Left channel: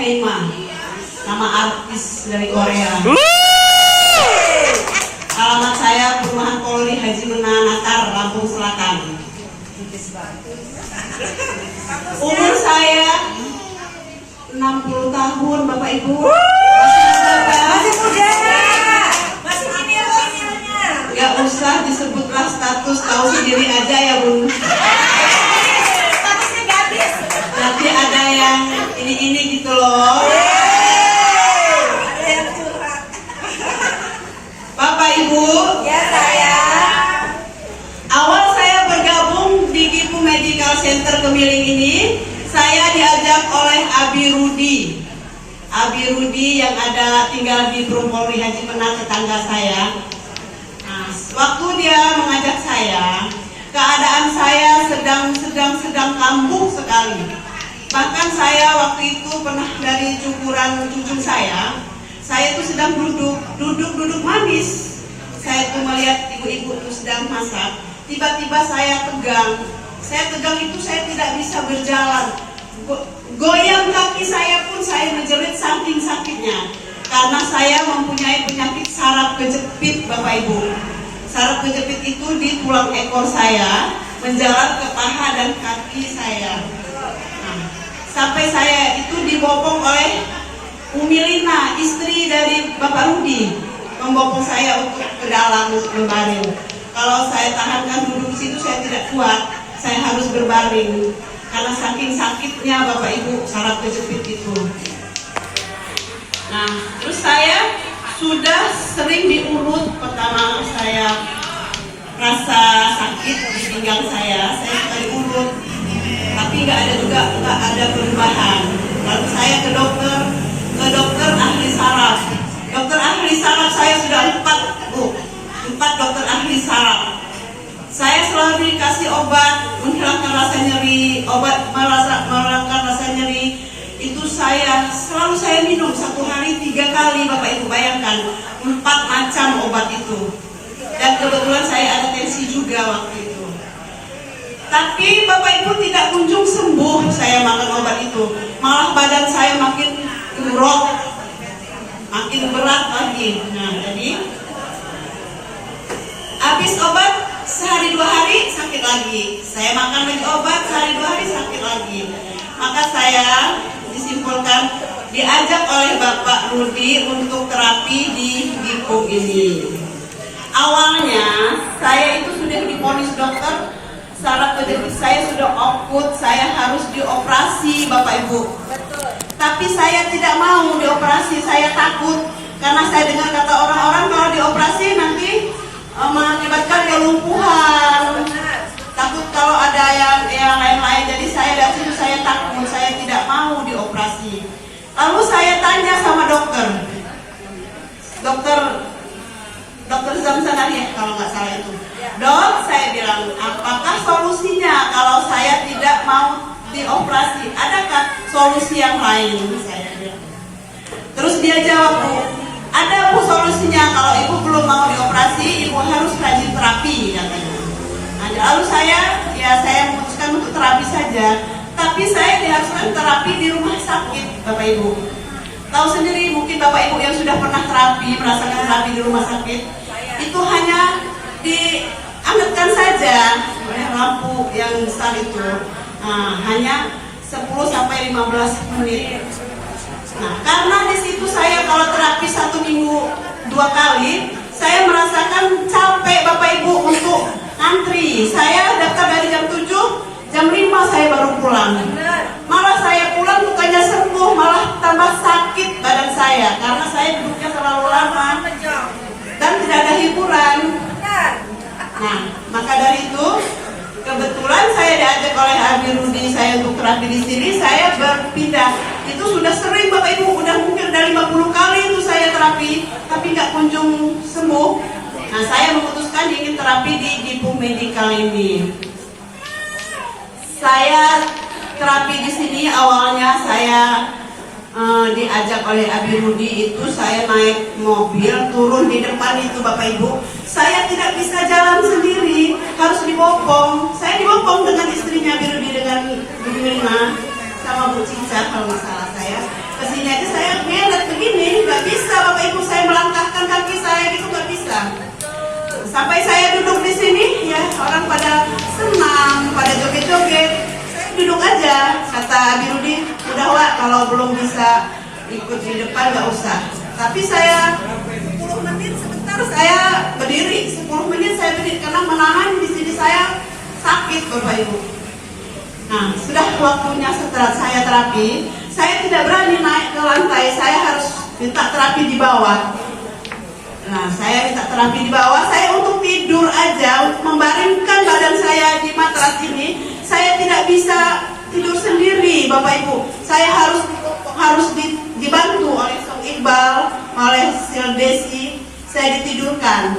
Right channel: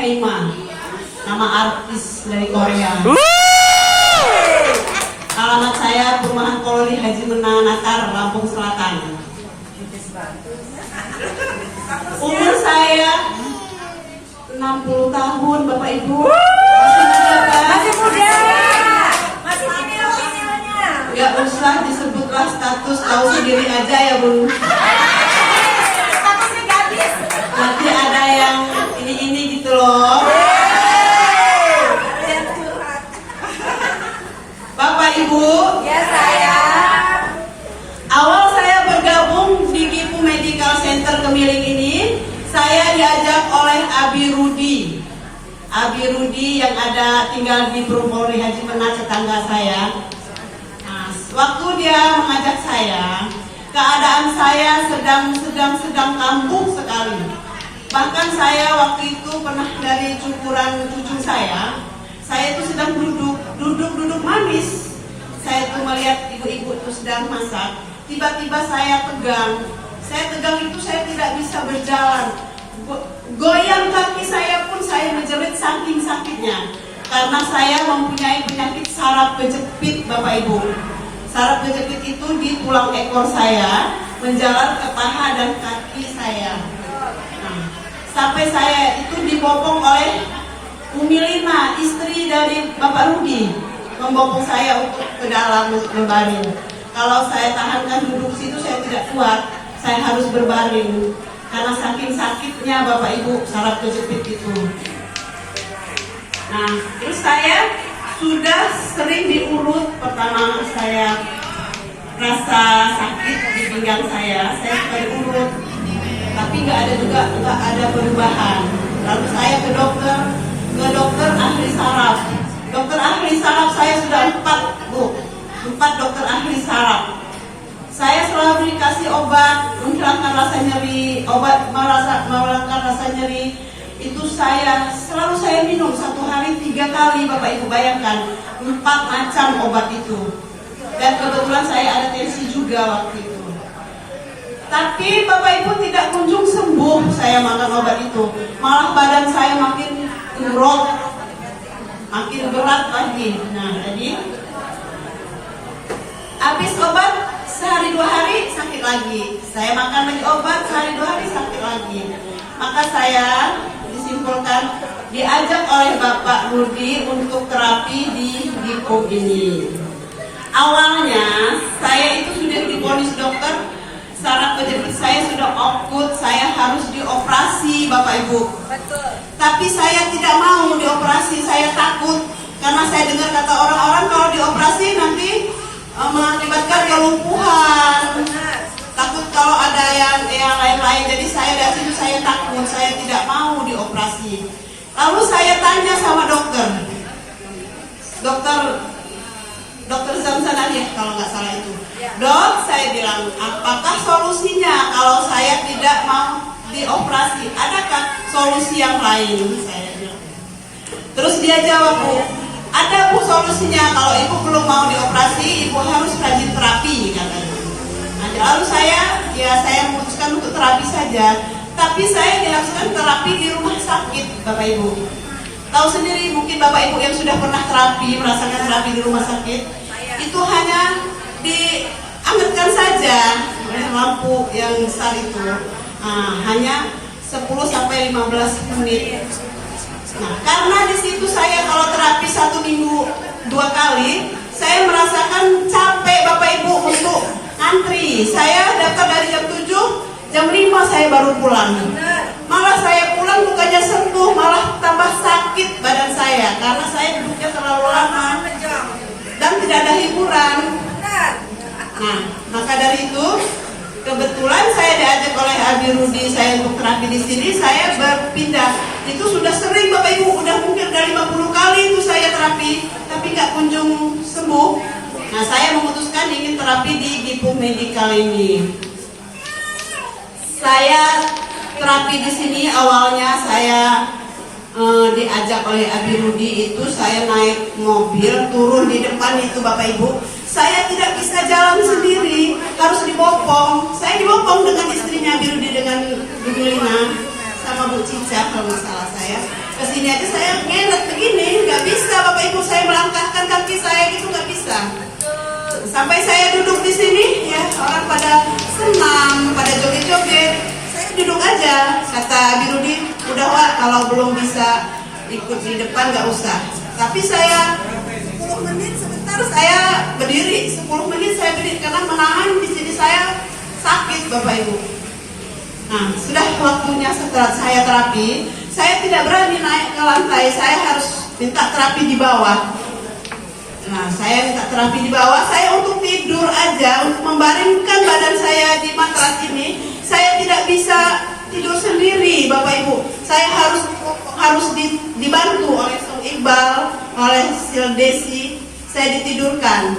Haima, nama artis dari Korea. Alamat saya Perumahan Koloni Haji Menanatar, Lampung Selatan. Umur saya 60 tahun, Bapak Ibu. Masih muda. Masih hamilnya. Gak usah disebutlah status, tahu sendiri aja ya Bun. Statusnya gadis. Nanti ada yang ini gitu loh. Ada yang curhat. Bapak Ibu, Ya saya. awal saya bergabung di Gipu Medical Center Gemiling ini, saya diajak oleh Abi Rudi. Abi Rudi yang ada tinggal di Polri Haji Menat, tetangga saya. Nah, waktu dia mengajak saya, keadaan saya sedang kambuh sekali. Bahkan saya waktu itu pernah dari cukuran cucu saya itu sedang duduk manis. Saya itu melihat ibu-ibu itu sedang masak. Tiba-tiba saya tegang. Saya tegang itu saya tidak bisa berjalan. Goyang kaki saya pun saya menjerit saking sakitnya. Karena saya mempunyai penyakit saraf kejepit, Bapak Ibu. Saraf kejepit itu di tulang ekor saya, menjalar ke paha dan kaki saya. Nah, sampai saya itu dibopong oleh Umi Lina, istri dari Bapak Rudi, membopong saya untuk ke dalam berbaring. Kalau saya tahankan duduk situ saya tidak kuat, saya harus berbaring karena saking sakitnya Bapak Ibu saraf kejepit itu. Nah, terus saya sudah sering diurut. Pertama saya rasa sakit di pinggang saya suka diurut, tapi nggak ada perubahan. Lalu saya ke dokter ahli saraf. Dokter ahli saraf saya sudah 4 dokter ahli saraf. Saya selalu dikasih obat menghilangkan rasa nyeri, menghilangkan rasa nyeri. Itu selalu saya minum 1 hari 3 kali, Bapak Ibu bayangkan 4 macam obat itu. Dan kebetulan saya ada tensi juga waktu itu. Tapi Bapak Ibu tidak kunjung sembuh saya makan obat itu. Malah badan saya makin gemrot, makin berat lagi. Nah, jadi habis obat sehari 2 hari sakit lagi. Saya makan lagi obat sehari 2 hari sakit lagi. Maka saya disimpulkan diajak oleh Bapak Rudi untuk terapi di Gipu ini. Awalnya saya itu sudah divonis dokter, saraf kejepit saya sudah akut, saya harus dioperasi, Bapak Ibu. Betul. Tapi saya tidak mau dioperasi, saya takut karena saya dengar kata orang-orang kalau dioperasi nanti mengakibatkan kelumpuhan. Takut kalau ada yang lain-lain. Jadi saya dari situ saya takut, saya tidak mau dioperasi. Lalu saya tanya sama dokter Zamzana ya kalau nggak salah itu. Dok, saya bilang, apakah solusinya kalau saya tidak mau dioperasi? Adakah solusi yang lain? Saya bilang. Terus dia jawab, Bu, ada Bu solusinya. Kalau Ibu belum mau dioperasi, Ibu harus rajin terapi katanya. Nah, lalu saya memutuskan untuk terapi saja. Tapi saya diharuskan terapi di rumah sakit, Bapak Ibu. Tahu sendiri mungkin Bapak Ibu yang sudah pernah merasakan terapi di rumah sakit, itu hanya diangetkan saja oleh lampu yang besar itu. Nah, hanya 10-15 menit. Nah, karena di situ saya kalau terapi 1 minggu 2 kali, saya merasakan capek Bapak Ibu untuk antri. Saya daftar dari jam 7, jam 5 saya baru pulang. Malah saya pulang bukannya sembuh, malah tambah sakit badan saya karena saya duduknya terlalu lama dan tidak ada hiburan. Nah, maka dari itu kebetulan saya diajak oleh Abi Rudi saya untuk terapi di sini, saya berpindah. Itu sudah sering Bapak Ibu, udah mungkin dari 50 kali itu saya terapi, tapi nggak kunjung sembuh. Nah, saya memutuskan ingin terapi di Gipu Medical ini. Saya terapi di sini awalnya saya diajak oleh Abi Rudi itu, saya naik mobil turun di depan itu Bapak Ibu. Saya tidak bisa jalan sendiri, harus dibopong. Saya dibopong dengan istrinya Abi Rudi, dengan Bu Lina sama Bu Cica kalau nggak salah saya. Kesini aja saya ngelet begini, nggak bisa Bapak Ibu, saya melangkahkan kaki saya gitu nggak bisa. Sampai saya duduk di sini, ya orang pada senang, pada joget-joget. Saya duduk aja, kata Birudi, udah Wak, kalau belum bisa ikut di depan nggak usah. Tapi saya 10 menit sebentar saya berdiri, 10 menit saya berdiri karena menahan di sini saya sakit Bapak Ibu. Nah, sudah waktunya setelah saya terapi, saya tidak berani naik ke lantai, saya harus minta terapi di bawah. Nah, saya minta terapi di bawah, saya untuk tidur aja, untuk membaringkan badan saya di matras ini, saya tidak bisa tidur sendiri, Bapak Ibu. Saya harus dibantu oleh Song Iqbal, oleh Sil Desi, saya ditidurkan.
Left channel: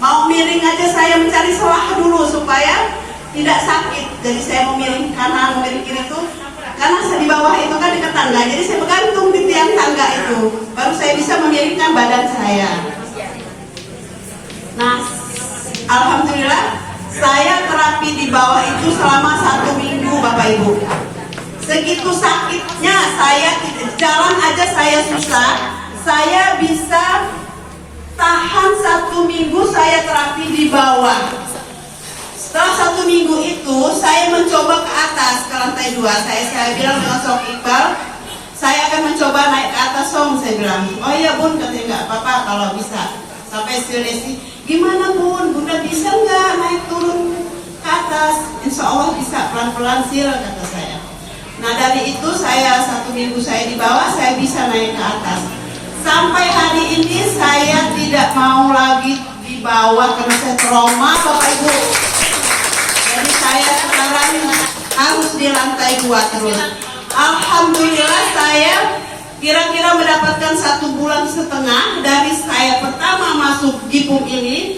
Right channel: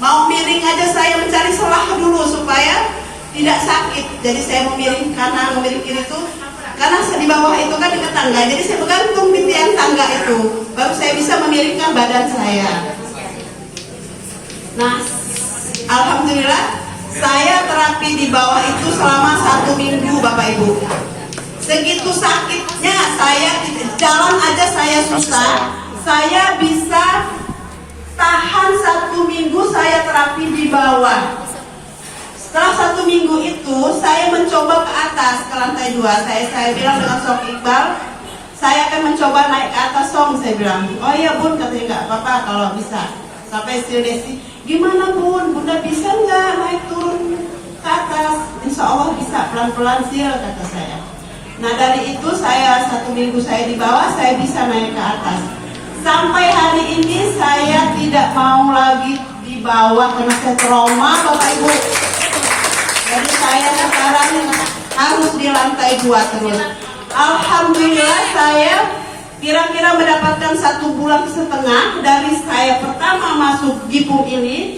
Mau miring aja saya mencari celah dulu supaya tidak sakit. Jadi saya memiring kanan, memiring kiri itu karena di bawah itu kan dekat tangga, jadi saya bergantung di tiang tangga itu, baru saya bisa memiringkan badan saya. Nah, alhamdulillah saya terapi di bawah itu selama 1 minggu Bapak Ibu. Segitu sakitnya saya, jalan aja saya susah, saya bisa tahan 1 minggu saya terapi di bawah. Setelah 1 minggu itu saya mencoba ke atas, ke lantai 2. Saya bilang dengan Song Iqbal, saya akan mencoba naik ke atas Song. Saya bilang, oh iya Bun, katanya enggak apa-apa kalau bisa. Sampai Sil Desi, gimana Bun, Bunda bisa nggak naik turun ke atas? Insya Allah bisa, pelan-pelan Sil, kata saya. Nah dari itu saya 1 minggu saya di bawah, saya bisa naik ke atas. Sampai hari ini saya tidak mau lagi di bawah karena saya trauma Bapak Ibu. Jadi saya sekarang harus di lantai 2 terus. Alhamdulillah saya kira-kira mendapatkan 1,5 bulan dari saya pertama masuk Gipum ini.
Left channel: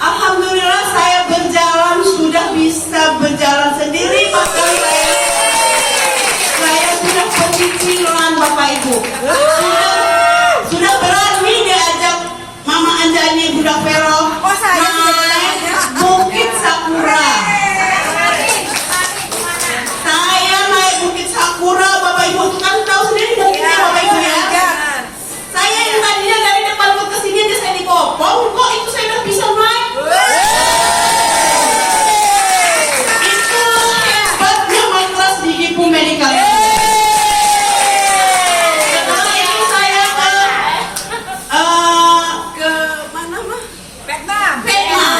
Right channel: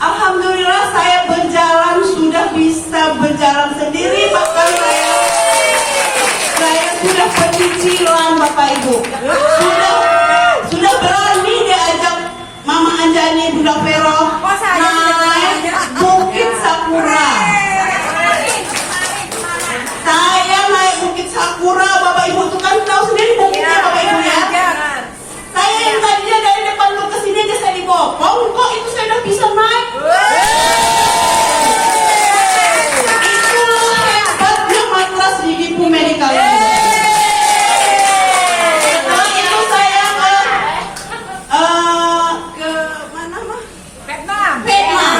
Alhamdulillah saya berjalan, sudah bisa berjalan sendiri. Bahkan saya sudah pecicilan Bapak Ibu. Sudah berani diajak Mama Anjani, Bunda Vero naik Bukit Sakura. Saya naik Bukit Sakura Bapak Ibu, itu kan tahu sendiri bukitnya Bapak Ibu ya. Saya yang tadinya dari depan ke sini aja saya dibopong, kok itu saya udah bisa naik. Itu hebatnya matras di Gipum Medical. Setelah itu saya ke mana mah? Vietnam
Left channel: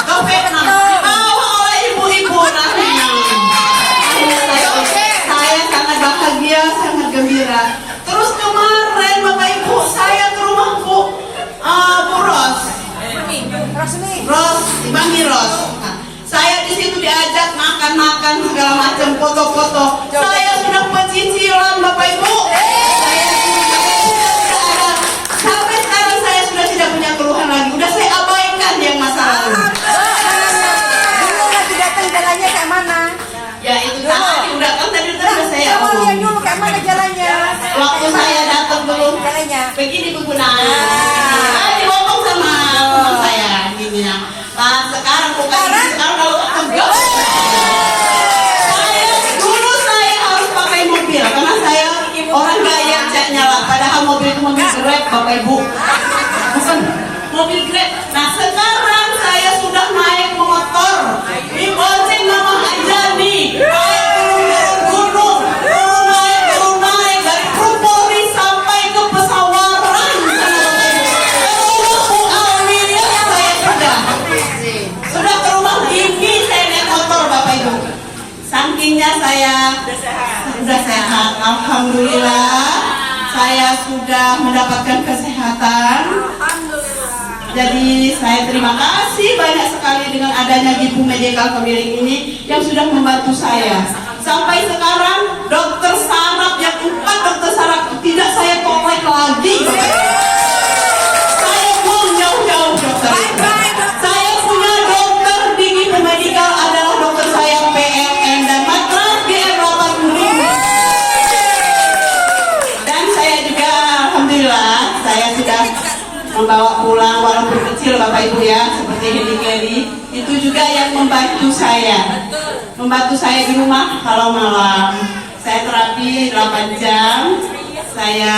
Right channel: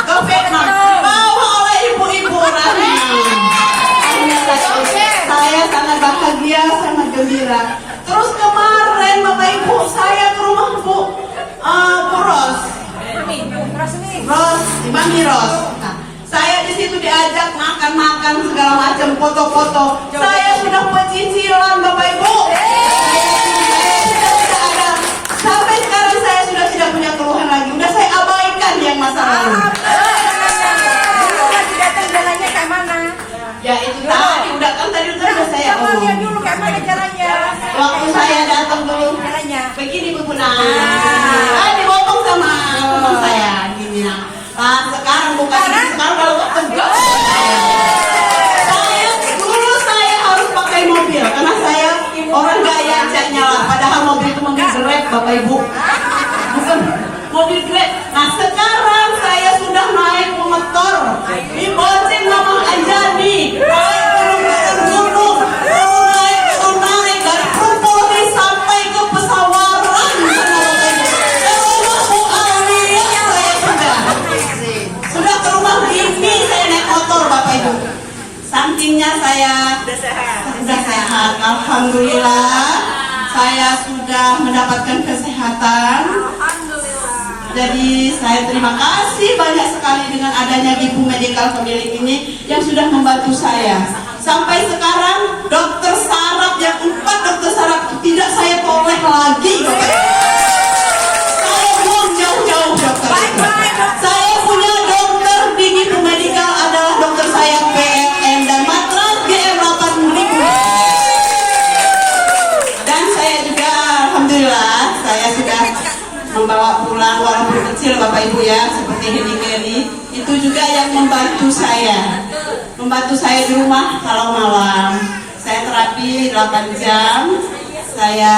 atau Vietnam, bawa oleh ibu-ibu saya sangat bahagia, sangat gembira. Terus kemarin Bapak Ibu saya ke rumah Bu Ros, Mami Ros. Nah, saya di situ diajak makan-makan segala macam, foto-foto. Saya sudah pecicilan Bapak Ibu. Sampai sekarang saya sudah tidak punya keluhan lagi. Udah saya abaikan yang masa lalu. Ya itu tadi udah kan tadi udah saya omong. Waktu saya datang dulu begini Bu Guna, dibopong sama teman saya gini ya. Nah sekarang bukan ini, sekarang lalu tegak. Saya harus pakai mobil karena saya orang gaya ajaknya lah. Padahal mobil itu mobil Grab Bapak Ibu, bukan mobil Grab. Nah sekarang saya sudah naik motor, dibonceng Mama Anjani, naik turun naik dari Purpoli sampai ke Pesawaran sana Bapak Ibu. Ke rumah Bu Alia saya sudah ke rumah ini saya naik motor Bapak Ibu. Sampingnya saya sudah sehat, alhamdulillah. Saya sudah mendapatkan kesehatan. Jadi saya terima kasih banyak sekali dengan adanya Gipum Medical Family ini yang sudah membantu saya. Sampai sekarang dokter saraf yang 4 dokter saraf tidak saya tolak lagi. Saya buang jauh-jauh dokter itu. Saya punya dokter di Gipum Medical adalah dokter saya PLN dan matras GR8000. Dan saya juga alhamdulillah saya sudah membawa pulang walaupun kecil Bapak Ibu ya, seperti Heli itu juga yang membantu saya di rumah kalau malam. Saya terapi 8 jam saya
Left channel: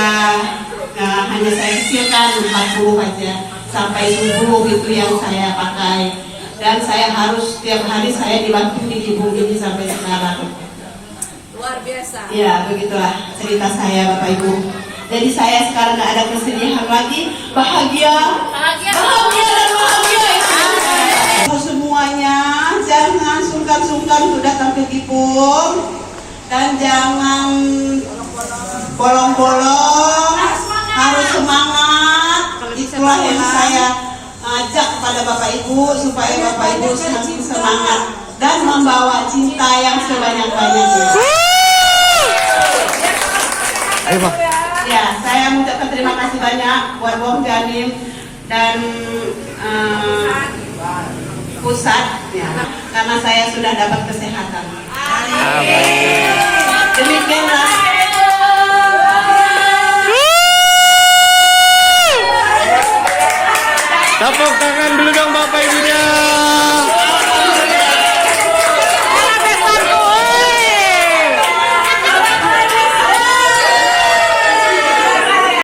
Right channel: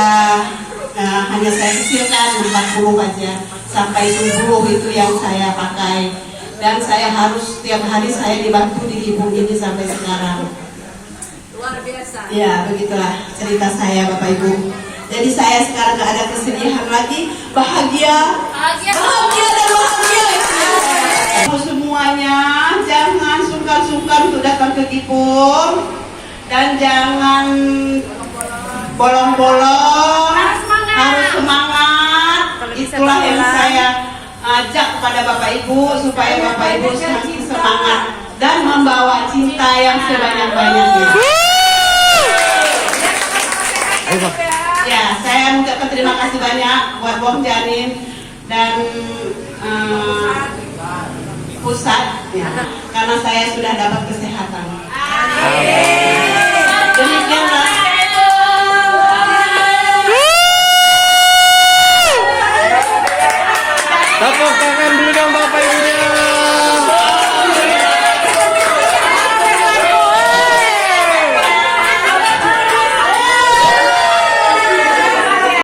hanya saya kecilkan 40 aja sampai subuh itu yang saya pakai, dan saya harus setiap hari saya dibantu di ibu ini sampai sekarang. Luar biasa. Ya, begitulah cerita saya Bapak Ibu. Jadi saya sekarang nggak ada kesedihan lagi, bahagia dan bahagia itu yang saya rasakan. Semuanya jangan sungkan-sungkan untuk datang ke Kipur, dan jangan bolong-bolong, harus semangat. Itulah yang saya ajak kepada Bapak Ibu, supaya Bapak Ibu semakin semangat dan membawa cinta yang sebanyak-banyaknya. Ya, saya mengucapkan terima kasih banyak buat Bom Janin dan pusat, ya, karena saya sudah dapat kesehatan. Demikianlah. Tepuk tangan dulu dong Bapak Ibu.